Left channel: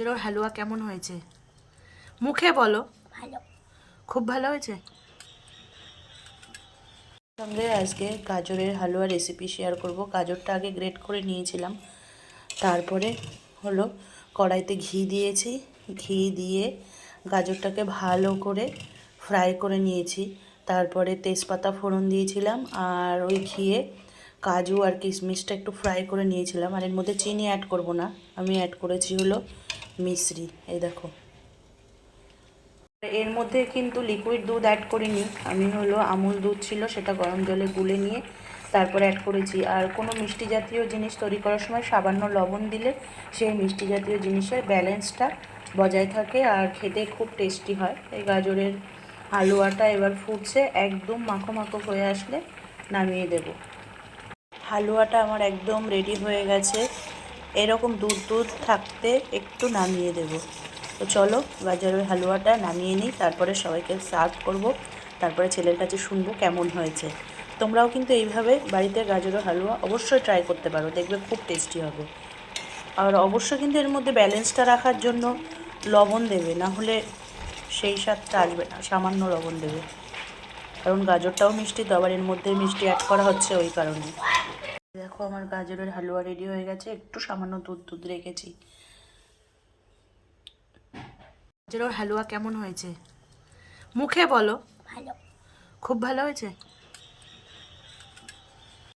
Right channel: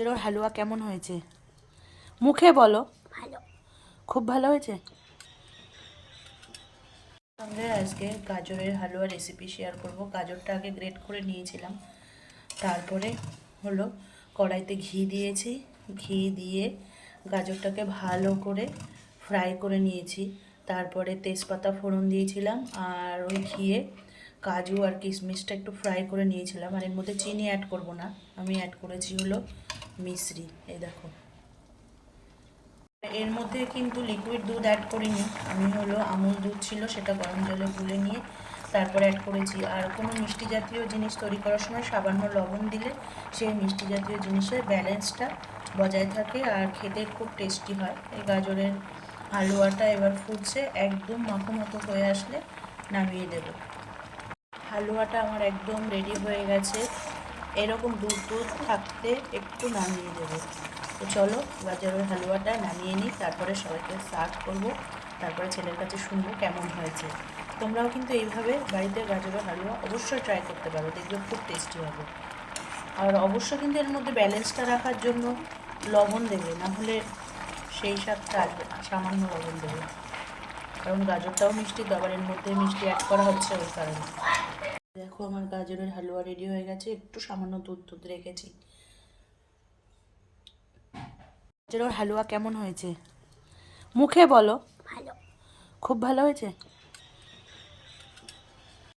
গাজরের হালুয়া কেমন হয়েছে? মুখে বলো। ভালো। খুব ভালো হয়েছে। সঙ্গে আজকে গাজরের হালুয়া রেসিপি শেয়ার করব। গাজরটা আগে গ্রেট করে নিয়েছিলাম, তারপরে হলো কড়াইতে ঘি দিয়েছি। ঘি দিয়ে গাজরটাকে ভালো করে ফ্রাই করে নিয়েছি। তারপরে তেজপাতা ফোড়ন দিয়েছিলাম, আর ওই ঘিয়ে কাজু আর কিশমিশটা একটু ফ্রাই করে নিয়েছিলাম। আর এর মধ্যে চিনি অ্যাড করব না, আমি অ্যাড করেছি হলো মিশ্রি। এই দেখো, এর মধ্যে কিন্তু লিকুইড দুধ অ্যাড করিনি, আমি হলো আমুল দুধ ছিল সেটা গরম জলে গুলে নিয়ে তারপরে অ্যাড করেছি। আর কোনো মিষ্টি জাতীয় জিনিস তৈরি করার সময় সামান্য লবণ দিলে সেই মিষ্টি জাতীয় জিনিসের ব্যালেন্সটা বজায় থাকে আর খেতে খুব টেস্টি হয়। এই গাজরের হালুয়াটা এবার ফুটছে, একদম মাখো মাখো হয়ে আসলে নামিয়ে দেব। হালুয়াটা আমার একদম রেডি হয়ে গেছে, এরকম দুধ দুধ থাকতে একটু নামিয়ে দেব। তো চলো গাজরের হালুয়াটা নামিয়ে নিই, তারপরে সবাইকে সার্ভ করব, তারপরে ছেলের কাছে শুনবো কেমন হয়েছে। তোমরাও কিন্তু এইভাবে বাড়িতে গাজরের হালুয়া অবশ্যই ট্রাই করতে পারো, দেখবে খুব টেস্টি হবে। আর অবশ্যই কিন্তু এর মধ্যে ব্যালেন্সটা রাখার জন্য লবণ দেবে, না হলে সেই স্বাদটা আসবে না। সামান্য লবণ দেবে, কারণ গাজরটাও মিষ্টি, তো আবার এর মধ্যে মিষ্টি অ্যাড করা হচ্ছে ওই কারণে। দেখো আমার গাজরের হালুয়া রেডি হয়ে গেছে, একটু সামান্য দুধ দুধ রেখেছি। গাজরের হালুয়া কেমন হয়েছে? মুখে বলো। ভালো। খুব ভালো হয়েছে।